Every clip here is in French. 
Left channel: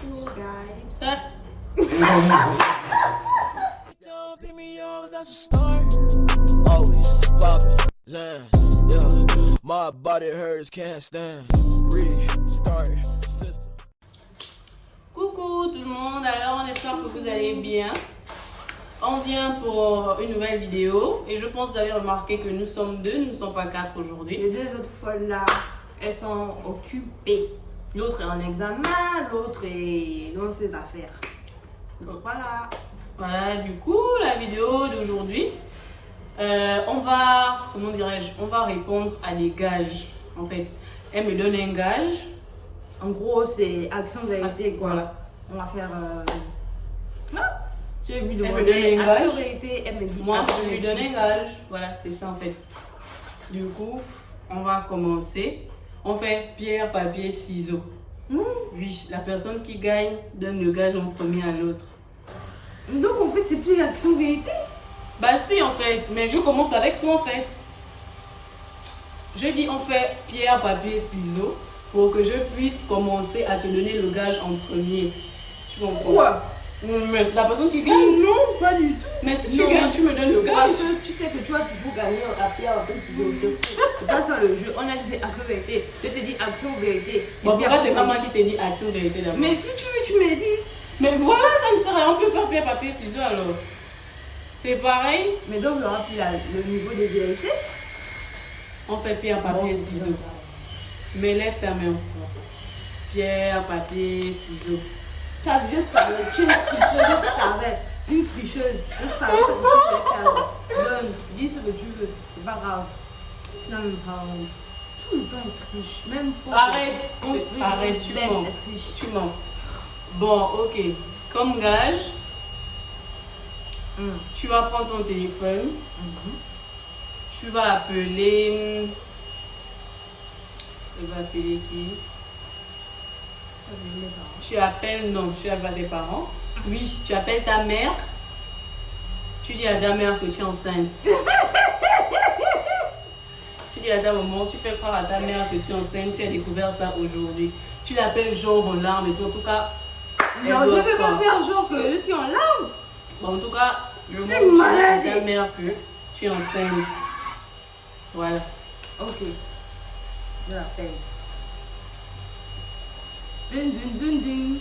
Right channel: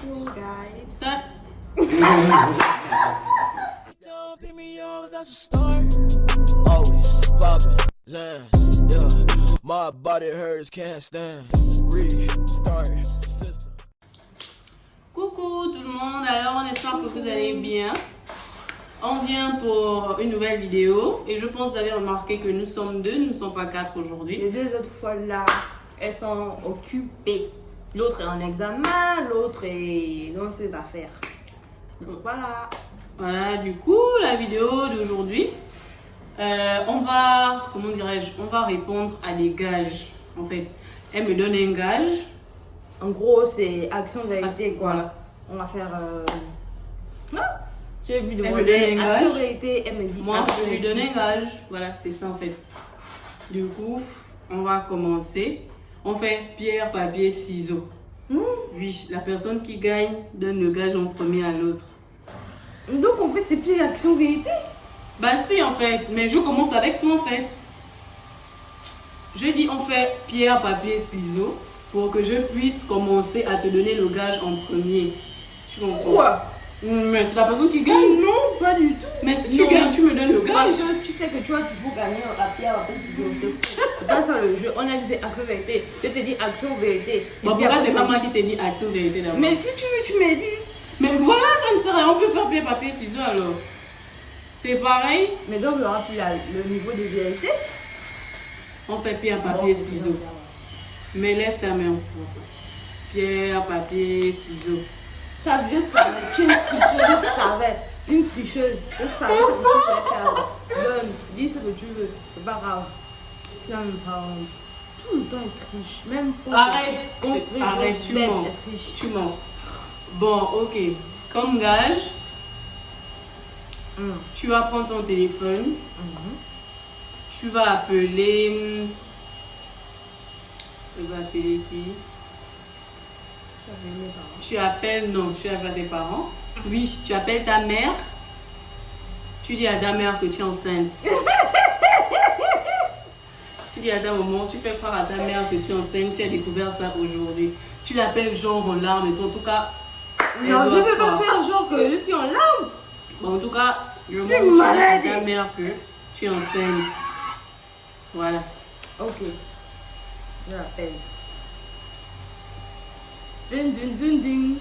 Coucou guys. Ça. Don't pick me up without a start. Always popping, Zan, yeah. My body hurts, can't stand. Restart, system. Coucou tout le monde, alors on espère que vous allez bien. On vient pour une nouvelle vidéo et je pense que vous avez remarqué que nous sommes deux, nous ne sommes pas quatre aujourd'hui. Les deux autres folles là, elles sont occupées. L'autre est en examen, l'autre est dans ses affaires. Donc voilà. Voilà, du coup, la vidéo d'aujourd'hui, on va, comment dirais-je, on va répondre à des gages. En fait, elle me donne un gage. En gros, c'est action vérité quoi. Voilà. On va faire. Tu veux lui Elle me demander donne un action gage. vérité, elle me dit. Moi, action je lui vérité. donne un gage. Voilà, c'est ça en fait. Du coup, on va commencer. On fait pierre, papier, ciseaux. Oui, la personne qui gagne donne le gage en premier à l'autre. Donc en fait, c'est plus action vérité. Bah si en fait, mais je commence avec toi en fait. Je dis on fait pierre, papier, ciseaux pour que je puisse commencer à te donner le gage en premier. Tu comprends? Quoi? Mais c'est la personne qui gagne. Non, pas du tout. Mais si tu Non. gagnes, tu me donnes le Parce gage. que tu sais que tu vas toujours gagner à pierre, à jeu. C'est pas ça le jeu. On a dit c'est action vérité. Je te dis action vérité. Et Bon, puis pourquoi après, c'est pas moi qui t'ai dit action vérité d'abord? Mais si tu veux, tu me dis. Mais voilà, ça ne sert à rien. On peut faire pierre, papier, ciseaux alors. C'est pareil. Mais donc, il y aura plus le niveau de vérité. On fait pierre, papier, ciseaux. Mais lève ta main. Pierre, papier, ciseaux. Je savais, tu es une tricheuse, je savais. C'est une tricheuse. Je savais que tu voulais faire. Donne, dis ce que tu veux. C'est pas grave. Non, pardon. Tout le temps, elle triche. Même pour. Arrête, construire arrête, des tu bêtes, mens. elle triche. Tu mens. Bon, ok. Comme gage, tu vas prendre ton téléphone. Tu vas appeler. Tu vas appeler qui? Tu appelles, non, tu appelles tes parents. Oui, tu appelles ta mère. Tu dis à ta mère que tu es enceinte. Tu dis à ta maman, tu fais croire à ta mère que tu es enceinte, tu as découvert ça aujourd'hui. Tu l'appelles genre en larmes et tout. En tout cas, Non, je ne peux pas faire genre que je suis en larmes. bon, en tout cas, le moment T'es où tu dis à malade. ta mère que tu es enceinte. Voilà. Ok. Je l'appelle. Ding, ding, ding, ding.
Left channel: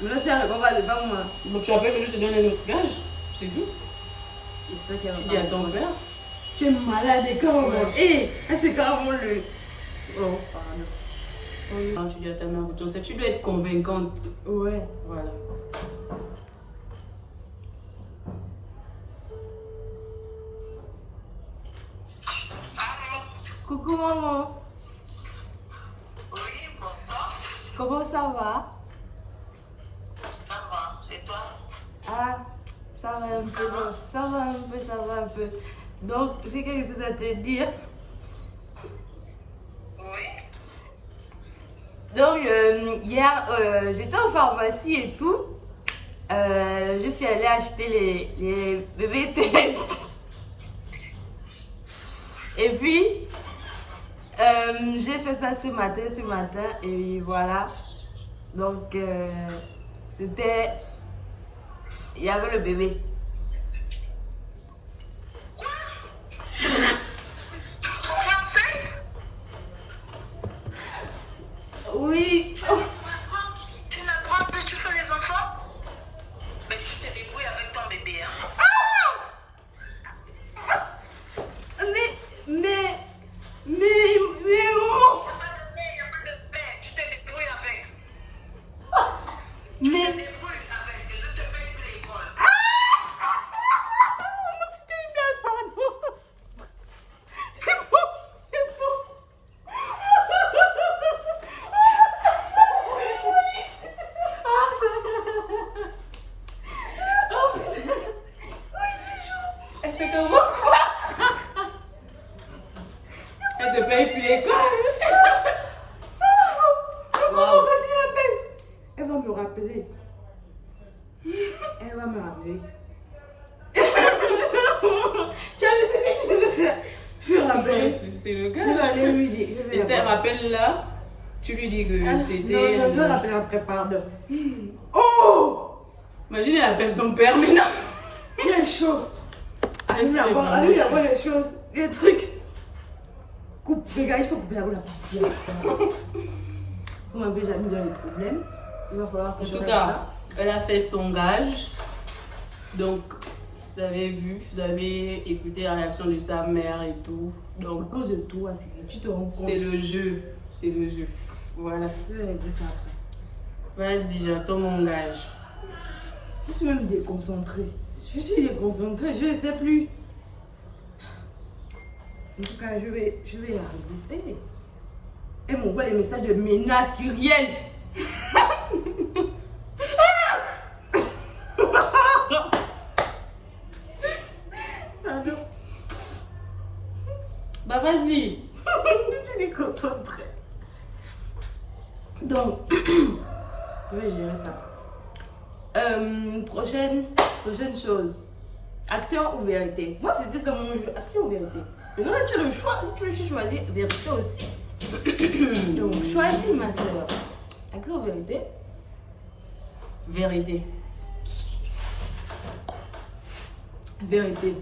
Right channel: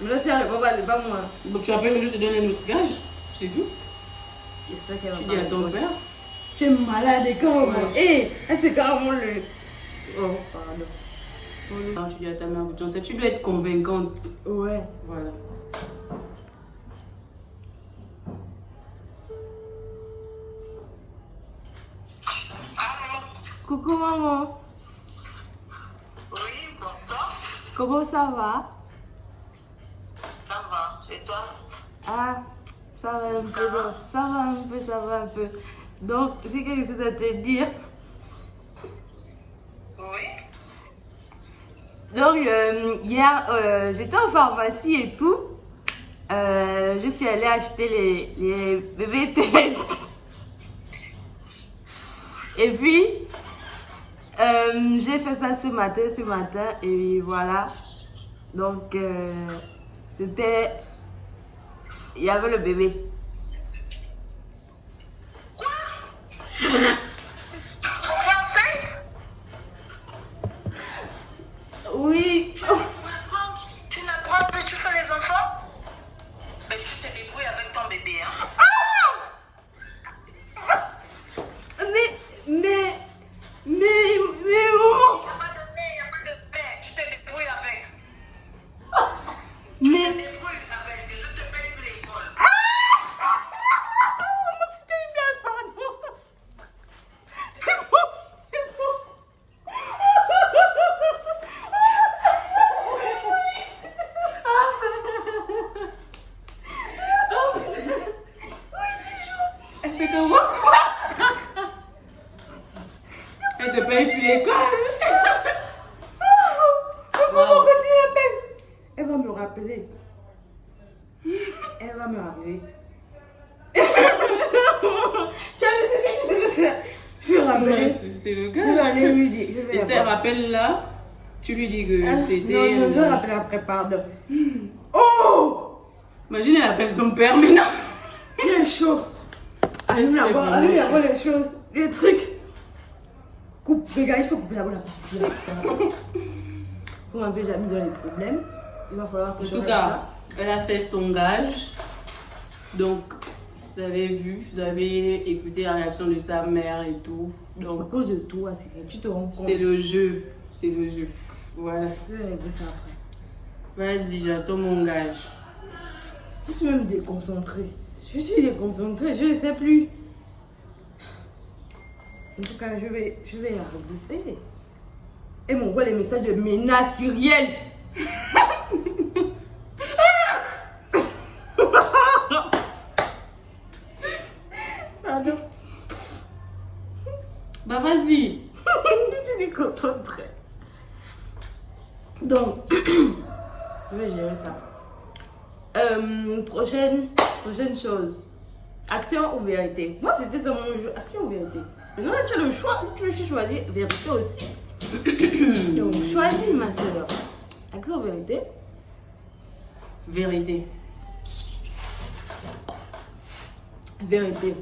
Mais là, c'est elle répond pas, c'est pas moi. Donc tu appelles, je te donne un autre gage. C'est tout. J'espère qu'elle va Tu pas dis à ton répondre. père. Tu es malade et comment hé, c'est carrément le. Oh, pardon. Quand tu dis à ta mère que tu es enceinte, tu dois être convaincante. Ouais. Voilà. Coucou maman. Oui, bonsoir. Comment ça va? Ça va. Et toi? Ah, ça va un peu. Ça va un peu, ça va un peu. Donc, j'ai quelque chose à te dire. Oui. Donc, hier, j'étais en pharmacie et tout. Je suis allée acheter les bébés tests. Et puis, j'ai fait ça ce matin, et voilà. Donc, c'était. Il y avait le bébé. Tu es enceinte? Oui. Tu n'apprends plus, tu fais les enfants? Mais tu te débrouilles avec ton bébé, hein? Mais, Il maman. n'y a pas de mère, il n'y a pas de père. Tu te débrouilles avec. Tu te Mais. débrouilles avec. Et je te paye pour l'école. C'était une blague, pardon. C'est bon, c'est bon. Elle fait comme moi. Elle te paye plus l'école. Maman, vas-y, appelle. Elle va me rappeler. Elle va me rappeler. Tu as vu ce que tu devais faire? Je vais rappeler. C'est le Je vais gars. aller lui dire. Je vais Et ça l'appeler. rappelle là, Tu lui dis que Non, c'était. je vais rappeler après, pardon. Oh! Imagine, elle appelle son père, mais non. Il est chaud. Allez, C'est avoir vraiment chaud. les choses, des trucs. Coupe, regarde, il faut couper la boule à partir. Pour un peu jamais dans les problèmes. Il va falloir que En je tout règle cas, ça. elle a fait son gage. Donc, vous avez vu, vous avez écouté la réaction de sa mère et tout. À Donc, cause de toi, tu te rends compte. c'est le jeu. C'est le jeu. Voilà. Je vais régler ça après. Vas-y, j'attends mon gage. Je suis même déconcentrée. Je suis déconcentrée, je ne sais plus. En tout cas, je vais la régler. Elle m'envoie les messages de menace syrienne. Pardon. Bah, vas-y. Je suis déconcentrée. Donc, je vais gérer ça. Prochaine chose. Action ou vérité? Moi, c'était ça mon jeu. Action ou vérité? Mais là, tu as le choix. Si tu veux choisir, vérité aussi. Donc, choisis, ma soeur. Action ou vérité? Vérité. Vérité.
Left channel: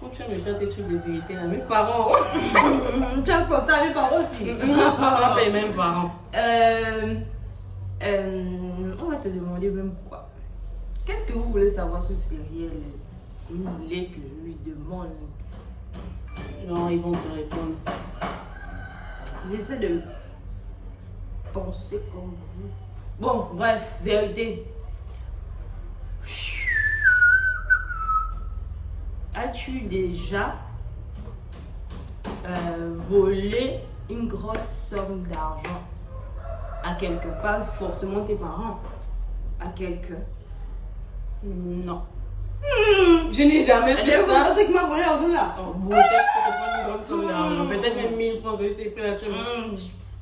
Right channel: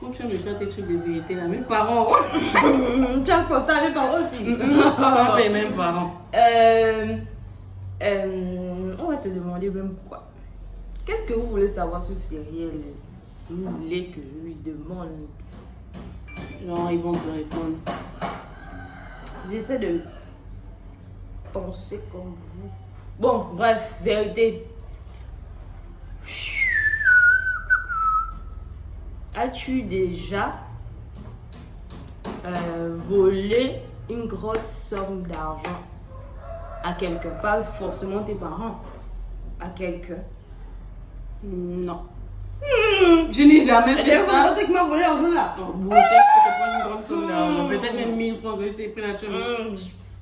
Quand tu vas me faire tes trucs de vérité là, mes parents. Tu as pensé à mes parents aussi. Pas les mêmes parents. On va te demander même pourquoi. Qu'est-ce que vous voulez savoir sur Cyrielle? Vous voulez que je lui demande? Non, ils vont te répondre. J'essaie de penser comme vous. Bon, bref, vérité. As-tu déjà volé une grosse somme d'argent à quelqu'un? Pas forcément tes parents, à quelqu'un. Non. Je n'ai jamais fait ça. Tu m'as volé l'argent là. Oh, bon, ça, je peux te prendre une grande somme d'argent. Peut-être même 1000 francs que je t'ai pris là-dessus.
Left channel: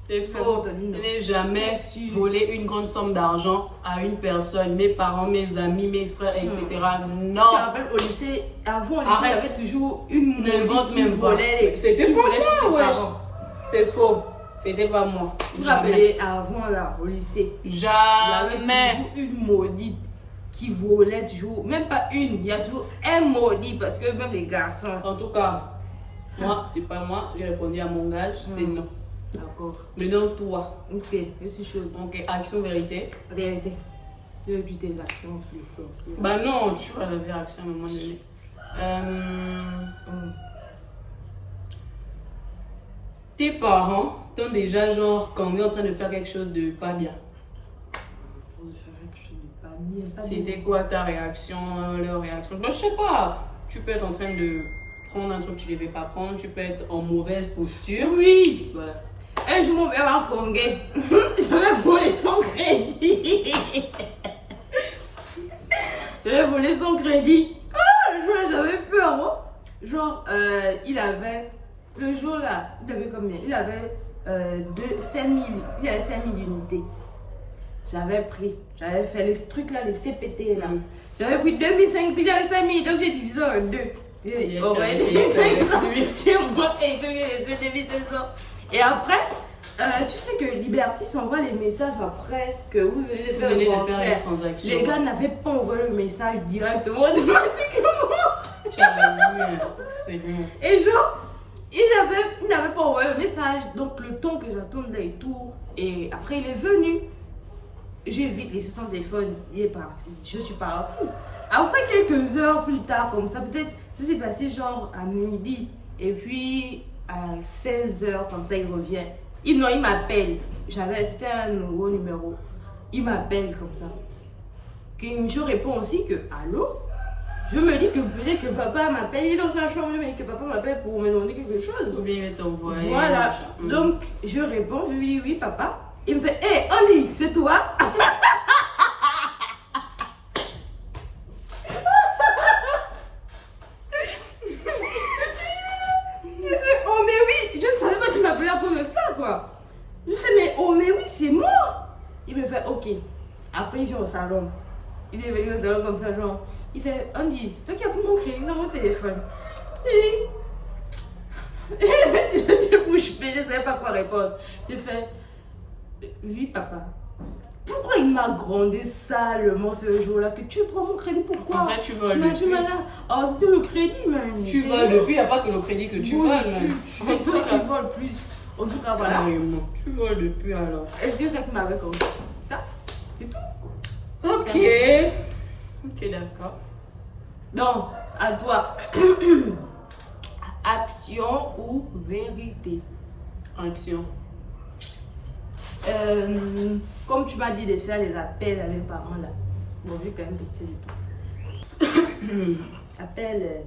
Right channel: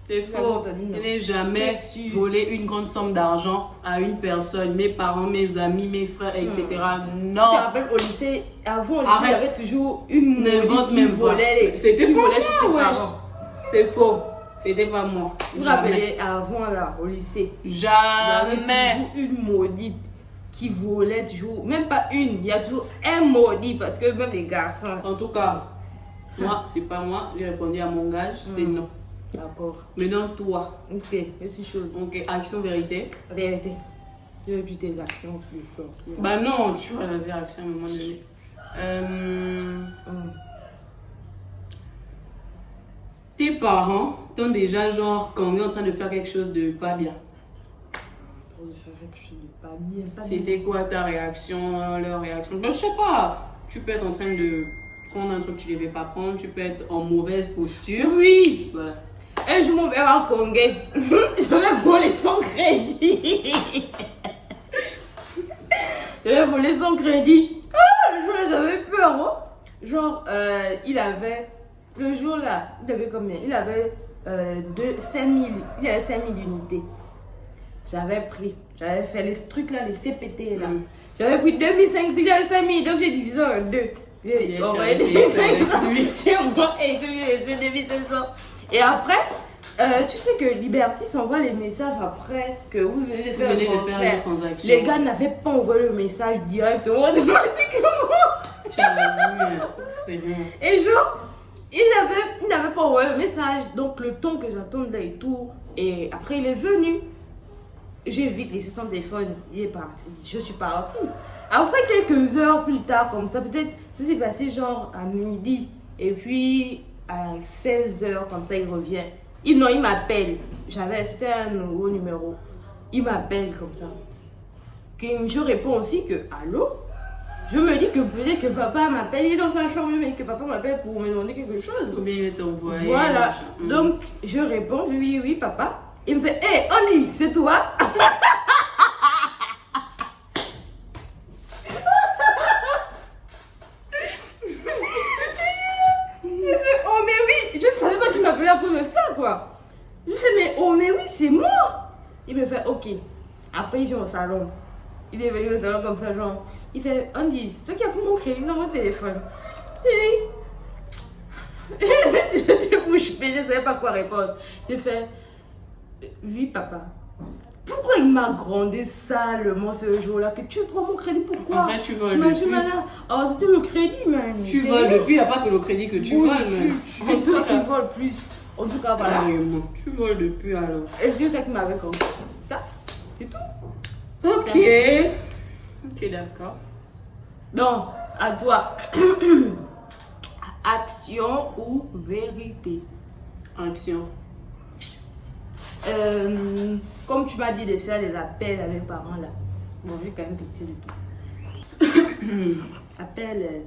C'est faux. Je n'ai jamais volé une grande somme d'argent à une personne. Mes parents, mes amis, mes frères, etc. Tu te Non. rappelles au lycée, avant au lycée, il y Arrête. avait toujours une N'invente qui même pas. volait. C'était qui pas volait sur ses moi, wesh. parents. C'est faux. C'était pas moi. Tu te Jamais. rappelais avant là, au lycée, il y avait Jamais. toujours une maudite qui volait toujours, même pas une, il y a toujours un maudit parce que même les garçons. En tout cas, moi, c'est pas moi. J'ai répondu à mon gage, c'est non. D'accord. Maintenant, toi. Ok, je suis chaude. Ok, action, vérité. Vérité. Je veux plus tes actions sur les sorciers. Bah non, tu vas dans une action à un moment donné. Tes parents t'ont déjà, genre, quand on est en train de faire quelque chose de pas bien. Je ferais quelque chose de pas bien, pas bien. C'était quoi ta réaction, leur réaction? Bah, je sais pas. Tu peux être en train de prendre un truc que tu devais pas prendre. Tu peux être en mauvaise posture. Oui. Voilà. Un jour, mon père m'a congé. J'avais volé son crédit. J'avais volé son crédit. J'avais peur, moi. Genre, il avait, le jour là, il avait combien? Il avait 5000, il avait 5000 unités. J'avais pris, j'avais fait les trucs là, les CPT là. J'avais pris 2500, il avait 5000, donc j'ai divisé en deux. J'ai envoyé 2500 lui. J'ai envoyé, je lui ai laissé 2500. Et après, tu sais que Liberty s'envoie les messages après que vous venez de faire, une transaction. Les gars n'avaient pas envoyé le message directement, automatiquement. Tu avais vu, c'est bien. Et genre, il n'avait pas envoyé le message. Donc le temps que j'attendais et tout. Et après, il est venu. J'ai vite laissé son téléphone. Il est parti. Je suis partie. Après, quelques heures plus tard, comme ça, peut-être, ça s'est passé genre à midi. Et puis, à 16h, comme ça, il revient. Il m'appelle. C'était un nouveau numéro. Il m'appelle comme ça. Je réponds aussi que, allô? Je me dis que peut-être que papa m'appelle. Il est dans sa chambre. Je me dis que papa m'appelle pour me demander quelque chose. Ou bien il t'envoie. Voilà. Donc, je réponds, oui, oui, papa. Il me fait, hé, Oli, c'est toi? Il fait, oh, mais oui, je ne savais pas qu'il m'appelait pour ça, quoi. Je fais, mais oh, mais oui, c'est moi. Il me fait, ok. Après, il vient au salon. Il est venu au salon comme ça, genre. Il fait, Andy, c'est toi qui as pris mon crédit dans mon téléphone. Oui. J'étais bouche bée, je ne savais pas quoi répondre. J'ai fait, oui papa. Pourquoi il m'a grondé salement ce jour-là? Que tu prends mon crédit, pourquoi? En fait, tu voles Mais depuis. oh, c'était le crédit, même. Tu voles depuis, il n'y a pas que le crédit que tu voles, même. En tout cas, tu voles plus. En tout cas, voilà. Carrément. Tu voles depuis alors. Et c'est ça qui m'avait comme ça. C'est tout. Ok. Ok, d'accord. Donc, à toi. Action ou vérité? Action. Comme tu m'as dit de faire les appels à mes parents là. Bon, j'ai quand même baissé le tout. Appelle.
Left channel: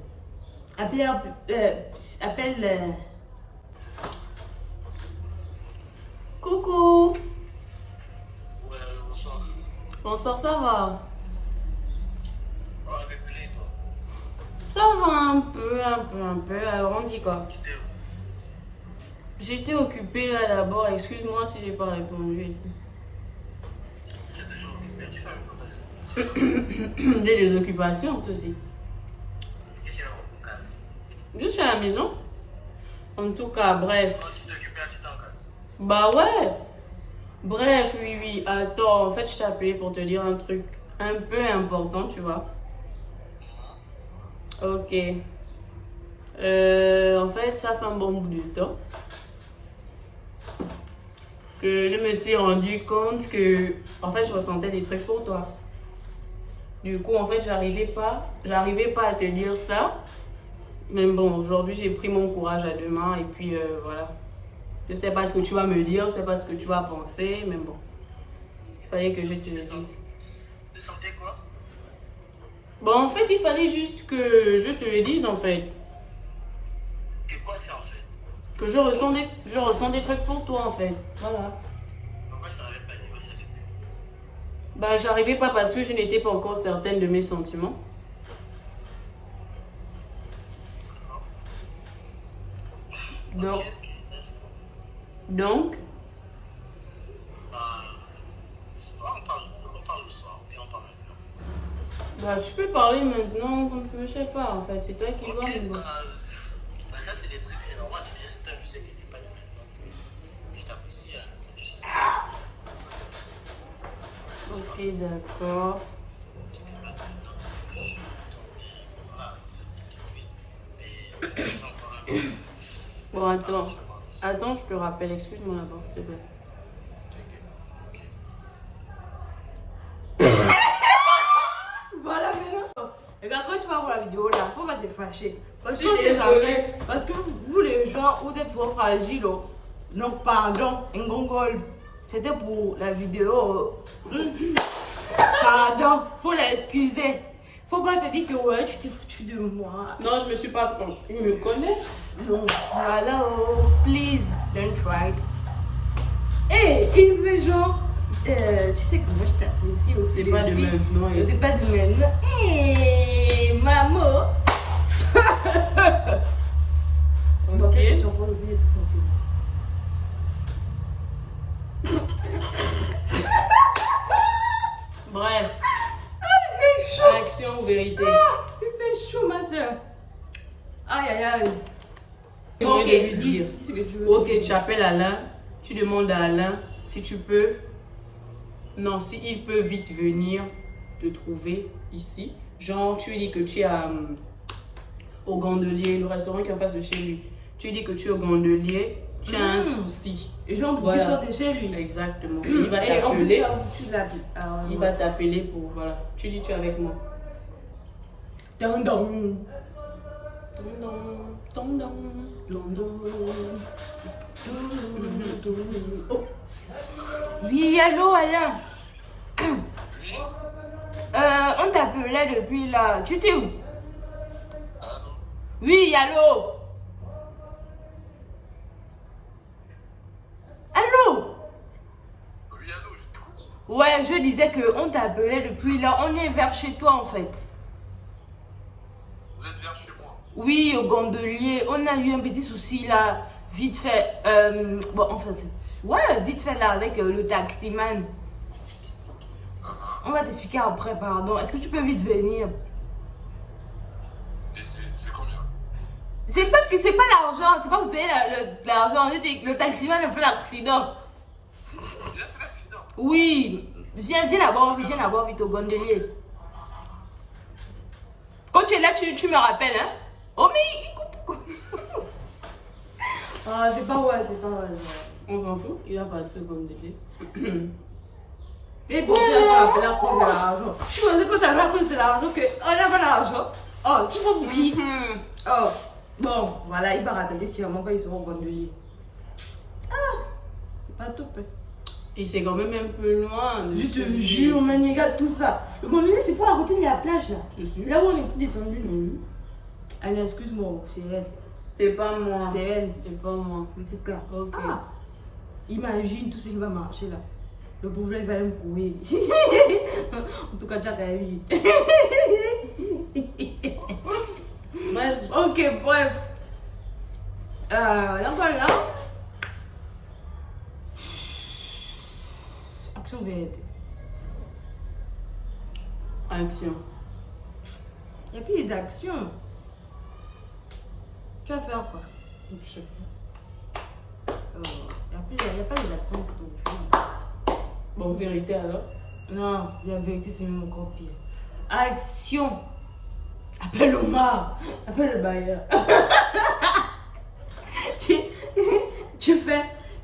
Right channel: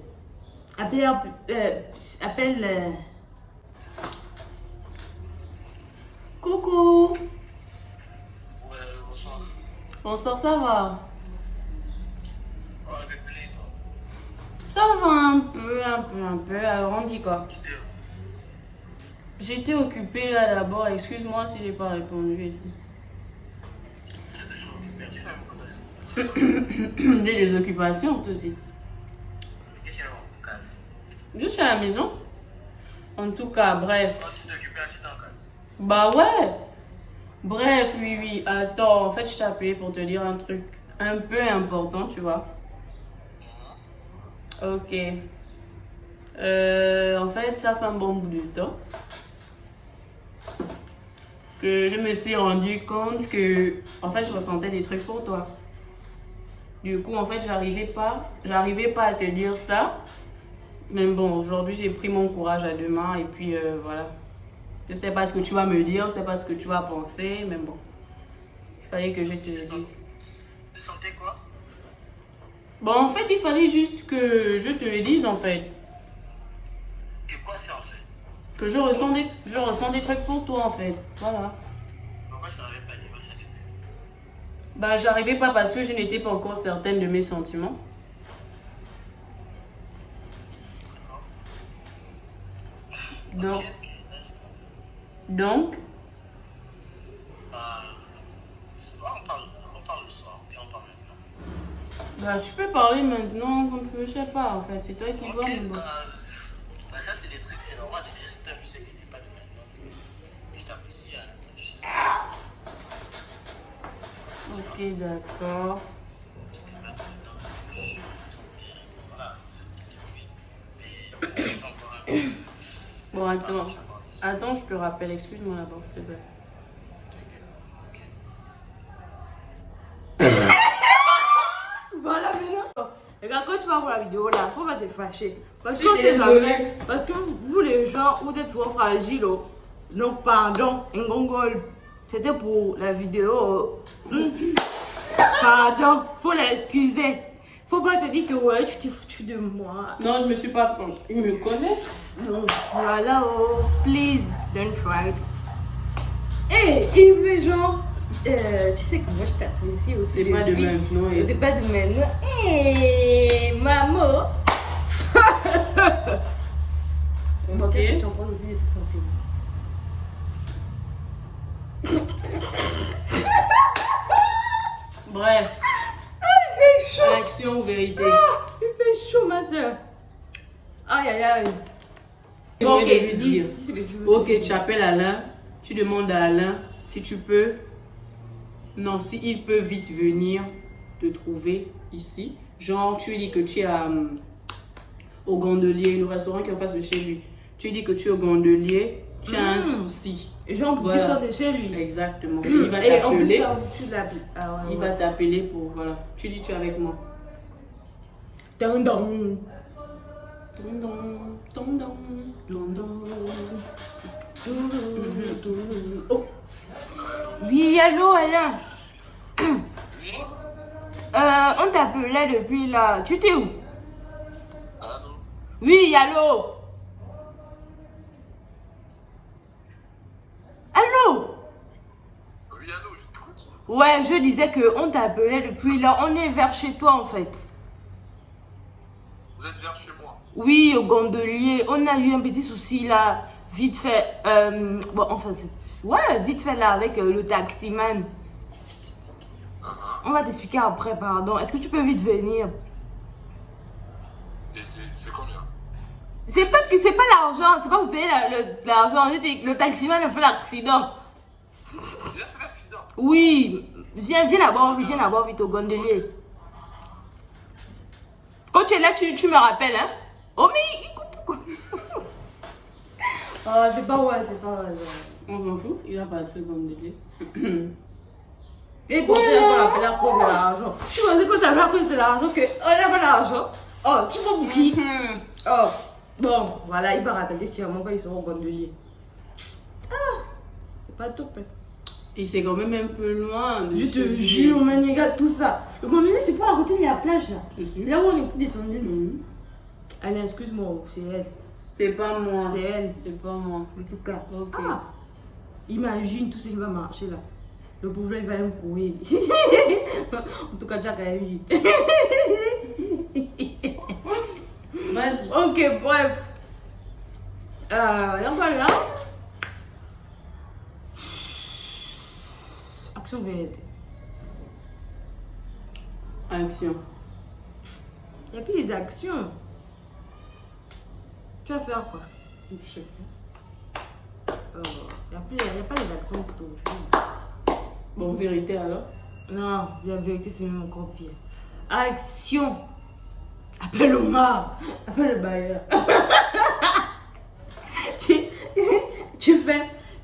Coucou. Ouais, bonsoir. Bonsoir, ça va? Oh, désolé, toi. Ça va un peu. Alors, on dit quoi? Tu t'es où? J'étais occupée là d'abord, excuse-moi si j'ai pas répondu et tout. Tu es toujours occupé. Tu fais une contact. J'ai des occupations, toi aussi. Et tu es au cadre. Je suis à la maison. En tout cas, bref. Quand tu t'es occupé, tu t'es en cadre. Bah ouais. Bref, oui. Attends, en fait, je t'ai appelé pour te dire un truc un peu important, tu vois. Ok. En fait, ça fait un bon bout de temps que je me suis rendu compte que, en fait, je ressentais des trucs pour toi. Du coup, en fait, j'arrivais pas à te dire ça. Mais bon, aujourd'hui, j'ai pris mon courage à deux mains et puis voilà. Je sais pas ce que tu vas me dire, je sais pas ce que tu vas penser, mais bon. Il fallait que je te le dise. Tu sentais quoi? Bon, en fait, il fallait juste que je te le dise, en fait. Que quoi c'est en fait? Que je ressens des trucs pour toi, en fait. Voilà. Pourquoi je t'avais pas dit ça depuis? Bah, j'arrivais pas parce que je n'étais pas encore certaine de mes sentiments. Donc, Ok, donc, bah, je sais pas, on parle le soir, ou bien on parle maintenant. bah, tu peux parler maintenant comme tu veux, je sais pas, en fait. C'est toi qui vois, mais bon. Bah, ça c'est des trucs, c'est normal, déjà c'est un musée qui c'est pas de maintenant. Je t'apprécie, Ok, d'accord. voilà, c'est encore un peu. Bon, attends. Attends, je te rappelle. Excuse-moi d'abord, s'il te plaît. Voilà, maintenant. Regarde, quand tu vas voir la vidéo là, faut pas te fâcher. Parce Je suis que c'est désolée. jamais. Parce que vous, les gens, vous êtes trop fragiles. Oh. Donc, pardon, un gongol. C'était pour la vidéo. Pardon, faut l'excuser. Faut pas te dire que ouais, tu t'es foutu de moi. Non, je me suis pas. Il me connaît. Non, voilà, oh, please, don't try this. Et les gens, tu sais comment je t'apprécie aussi. C'est pas de maintenant. C'est pas de maintenant. Hé, maman. Bon, Ok. qu'est-ce que tu en penses aussi de ce sentiment? Bref. Il fait chaud. Action ou vérité? Il fait chaud, ma soeur. Aïe, aïe, aïe. Tu voulais de lui dire. Dis ce que tu veux. Ok, tu appelles Alain. Tu demandes à Alain si tu peux. Non, si il peut vite venir te trouver ici. Genre, tu lui dis que tu es au Gondelier, le restaurant qui est en face de chez lui. Tu lui dis que tu es au Gondelier, tu as un souci. Et genre, Voilà. il sort de chez lui. Exactement. Il va Et en plus, t'appeler. ça, tu l'appelles. Ah, ouais, Il va t'appeler pour. Voilà. Tu dis tu es avec moi. Dun, dun. Tondon. Oh. Oui, allô, Alain. On t'appelait depuis là. Tu t'es où? Allô? Oui, allô. Allô? Oui, allô, je t'écoute. Ouais, je disais que on t'appelait depuis là. On est vers chez toi en fait. Vous êtes vers chez moi. Oui, au Gondelier. On a eu un petit souci là. Vite fait. Bon, enfin, ouais, vite fait là avec le taximan. On va t'expliquer après, pardon. Est-ce que tu peux vite venir? Et c'est combien? C'est pas l'argent, c'est pas pour payer l'argent. Le taximan a fait l'accident. Là, c'est l'accident. Oui, viens d'abord vite au gondolier. Quand tu es là, tu me rappelles, hein? Oh, mais il coupe. Oh, c'est pas vrai. On s'en fout, il a pas de truc comme des Et pourquoi on appelle à cause de l'argent? Tu vois, c'est quand t'as à cause de l'argent qu'on n'a pas d'argent. Oh, tu vois pour qui? Oh, bon, voilà, il va rappeler sûrement quand ils seront au gondolier. Ah, c'est pas top. Hein. Et c'est quand même un peu loin. Je te jure, man, regarde tout ça. Le gondolier, c'est pas à côté de la plage, là. Je suis. Là où on était descendu. Allez, excuse-moi, c'est elle. C'est pas moi. C'est elle. C'est pas moi. En tout cas. Ok. Ah, imagine tout ce qui va marcher là. Le pauvre il va même courir. En tout cas, Jack a eu. Vas-y. Ok, bref. Là, voilà. Action vérité. Action. Il n'y a plus les actions. Tu vas faire quoi? Je sais pas. Il n'y a pas les actions pour ton film. Bon, vérité alors. Non, la vérité, c'est même encore pire. Action. Appelle Omar. Appelle le bailleur.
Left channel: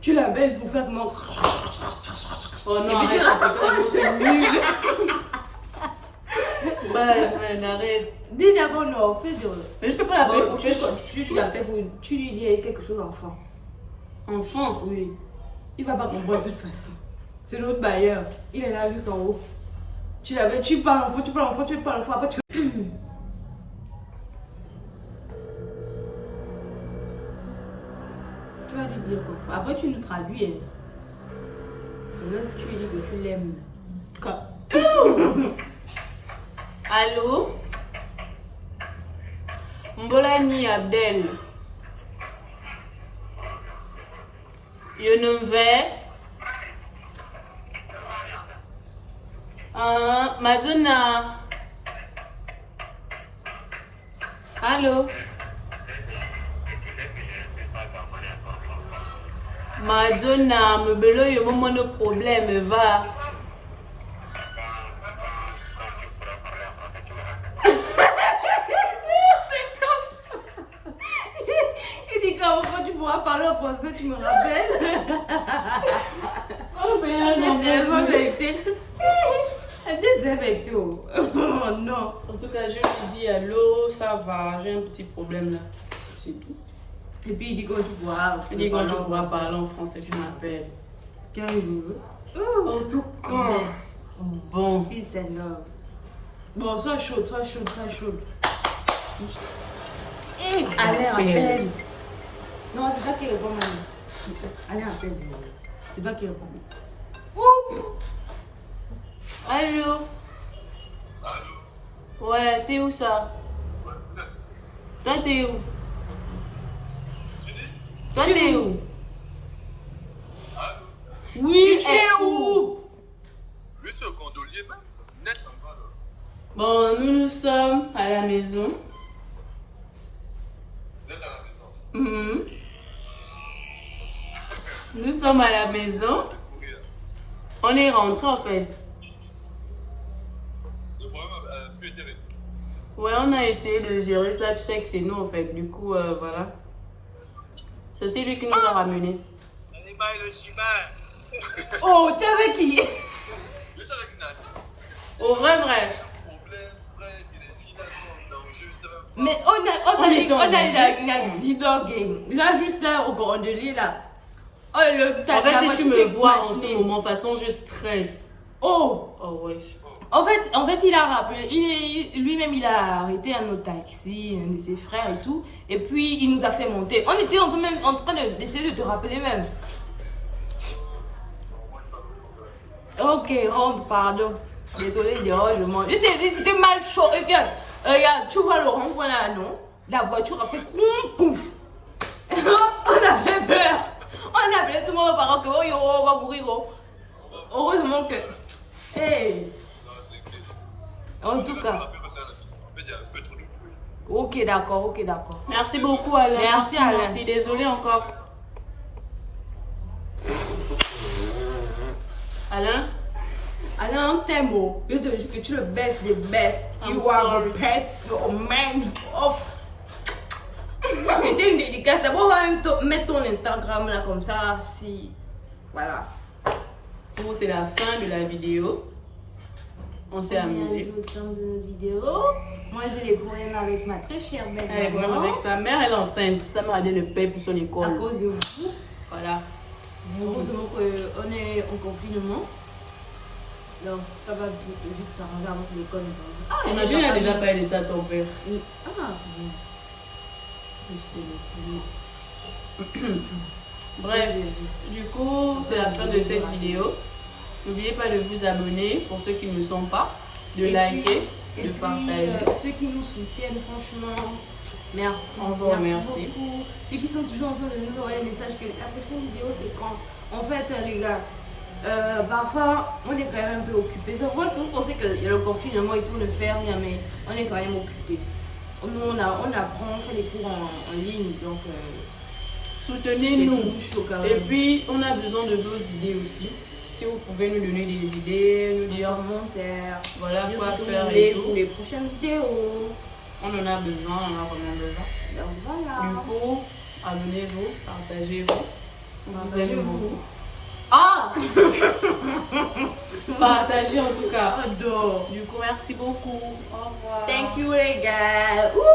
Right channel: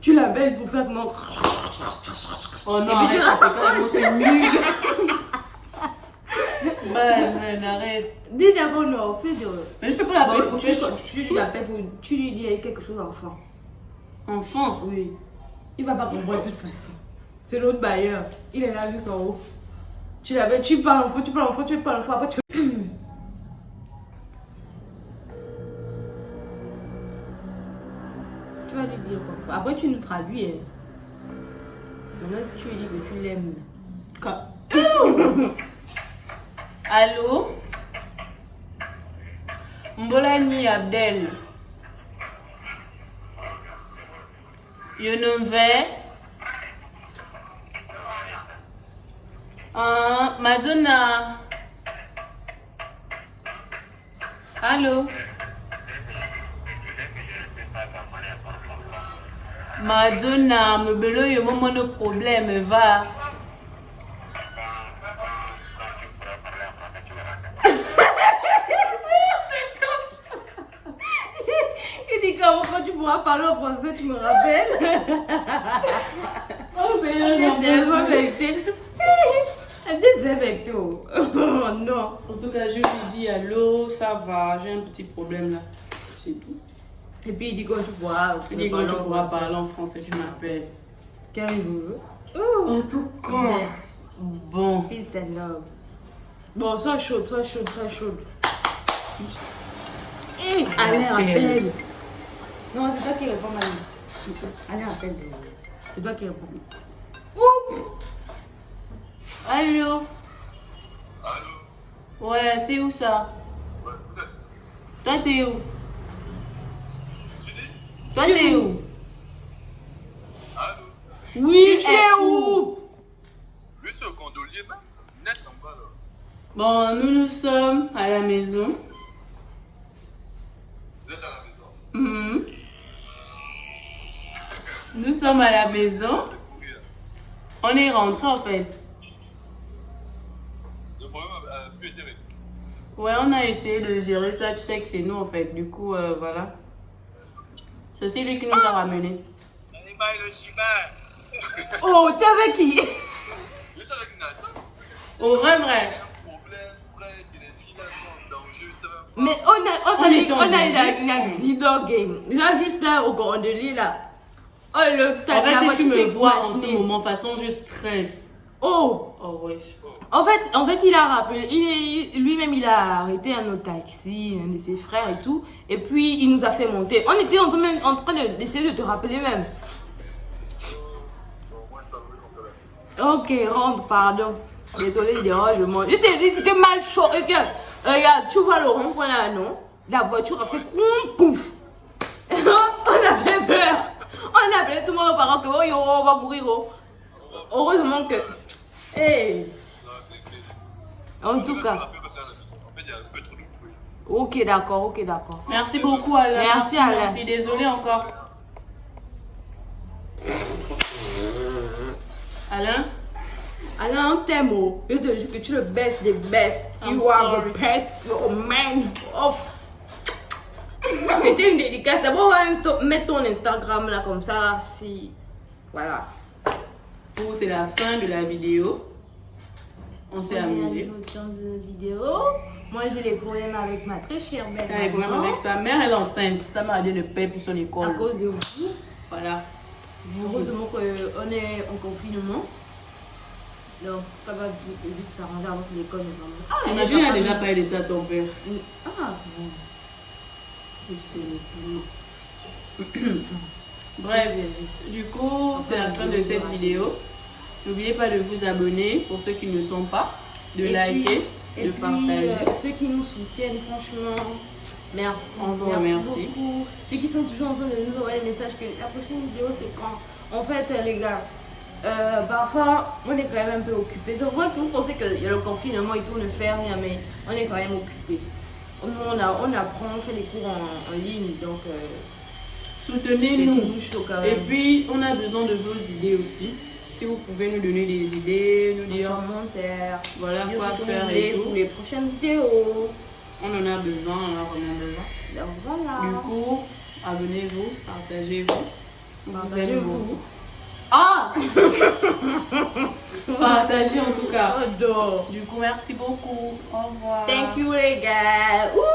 Tu l'appelles pour faire mon... Oh non, arrête, ça c'est quand même c'est nul. Ben, arrête. Dis d'abord non, fais de... Mais je peux pas l'appeler pour faire ça. Tu l'appelles pour... Tu lui dis quelque chose d'enfant. Enfant. Oui. Il va pas comprendre de toute façon. C'est l'autre bailleur. Il est là juste en haut. Tu l'appelles, tu parles enfant, après tu... Tu vas lui dire quoi. Après tu nous traduis. Hein. Maintenant si tu lui dis que tu l'aimes. Allô? Mbolani Abdel. Je ne vais. Madonna. Allô? Madonna, me belo yo moment de problème, va. Il dit quand tu pourras parler en français, tu me rappelles. Oh, c'est un vérité. Elle dit c'est vérité. Oh non. En tout cas, je lui dis allô, ça va, j'ai un petit problème là. C'est tout. Et puis il dit quand tu pourras. Je dis quand tu pourras parler en français, tu m'appelles. Quand il veut. En tout cas. Bon. Peace and love. Bon, sois chaude. Allez, appelle. Non, c'est pas qui répond maintenant. Allez, appelle. C'est pas qui répond. Allô? Ouais, t'es où ça? Toi, t'es où? Toi, t'es où? Oui, tu es où? Lui, c'est au gondolier, même. Net en bas, là. Bon, nous sommes à la maison. Vous êtes à la maison. Mhm. Nous sommes à la maison. Courir. On est rentré en fait. Le problème a pu être réglé. Ouais, on a essayé de gérer ça. Tu sais que c'est nous en fait. Du coup, voilà. C'est aussi lui qui nous a ramenés. Le chimère. Oh, tu es avec qui? Je sais avec Nathan. Au vrai. Il y a un problème, frère, il y a des filles là qui sont en danger, ça. Mais on a eu l'accident game. Là, juste là, au gondolier là. Oh, En fait, si tu me vois en ce moment, de toute façon, je stresse. Oh! Oh, wesh. En fait, il a rappelé, lui-même, il a arrêté un autre taxi, un de ses frères et tout. Et puis, il nous a fait monter. On était même en train d'essayer de te rappeler même. Ok, rentre, pardon. Désolé, le monde. Je t'ai dit, c'était mal chaud. Regarde, tu vois le rond-point là, non? La voiture a fait pouf. On avait peur. On a appelé tout le monde aux parents que oh, yo, on va mourir. Oh. Heureusement que. Hey. En tout cas. En fait, il y a un peu trop de bruit. Ok, d'accord, ok, d'accord. Merci beaucoup, Alain. Merci, Alain. Merci. Désolée encore. Alain? Alors, en tes mots, je te jure que tu es le best des best. I'm You are sorry. the best. You're a man of. C'était une dédicace. D'abord, on va mettre ton Instagram là comme ça. Si. Voilà. C'est la fin de la vidéo. On s'est amusé. de vidéo. Moi, j'ai des problèmes avec ma très chère mère. Elle a des problèmes avec sa mère, elle est enceinte. Ça m'a donné le paie pour son À école. cause de vous. Voilà. Heureusement qu'on est en confinement. Donc, ça va vite s'arranger avant que l'école ne commence. Ah, Imagine, il a déjà parlé de ça à ton père. Ah, bon. Bref, du coup, c'est la fin de cette vidéo. N'oubliez pas de vous abonner pour ceux qui ne le sont pas, de liker, de partager. Ceux qui nous soutiennent, franchement, merci. On vous remercie. Beaucoup. Ceux qui sont toujours en train de nous envoyer un message que la prochaine vidéo c'est quand. En fait, les gars, parfois on est quand même un peu occupés. Je vois que vous pensez qu'il y a le confinement et tout, ne fait rien, mais on est quand même occupés. Nous, on apprend, on fait les cours en ligne, donc Soutenez-nous. c'est tout chaud quand Et même. puis, on a besoin de vos idées aussi. Si vous pouvez nous donner des idées, nous dire Commentaires, voilà dire quoi ce que vous faire voulez et pour tout. les prochaines vidéos. On en a besoin, on en a vraiment besoin. Donc voilà. Du coup, abonnez-vous, partagez-vous. On vous aime Partagez-vous. beaucoup. Ah Partagez en tout cas. J'adore. Du coup, merci beaucoup. Au revoir. Thank you les gars. Ouh.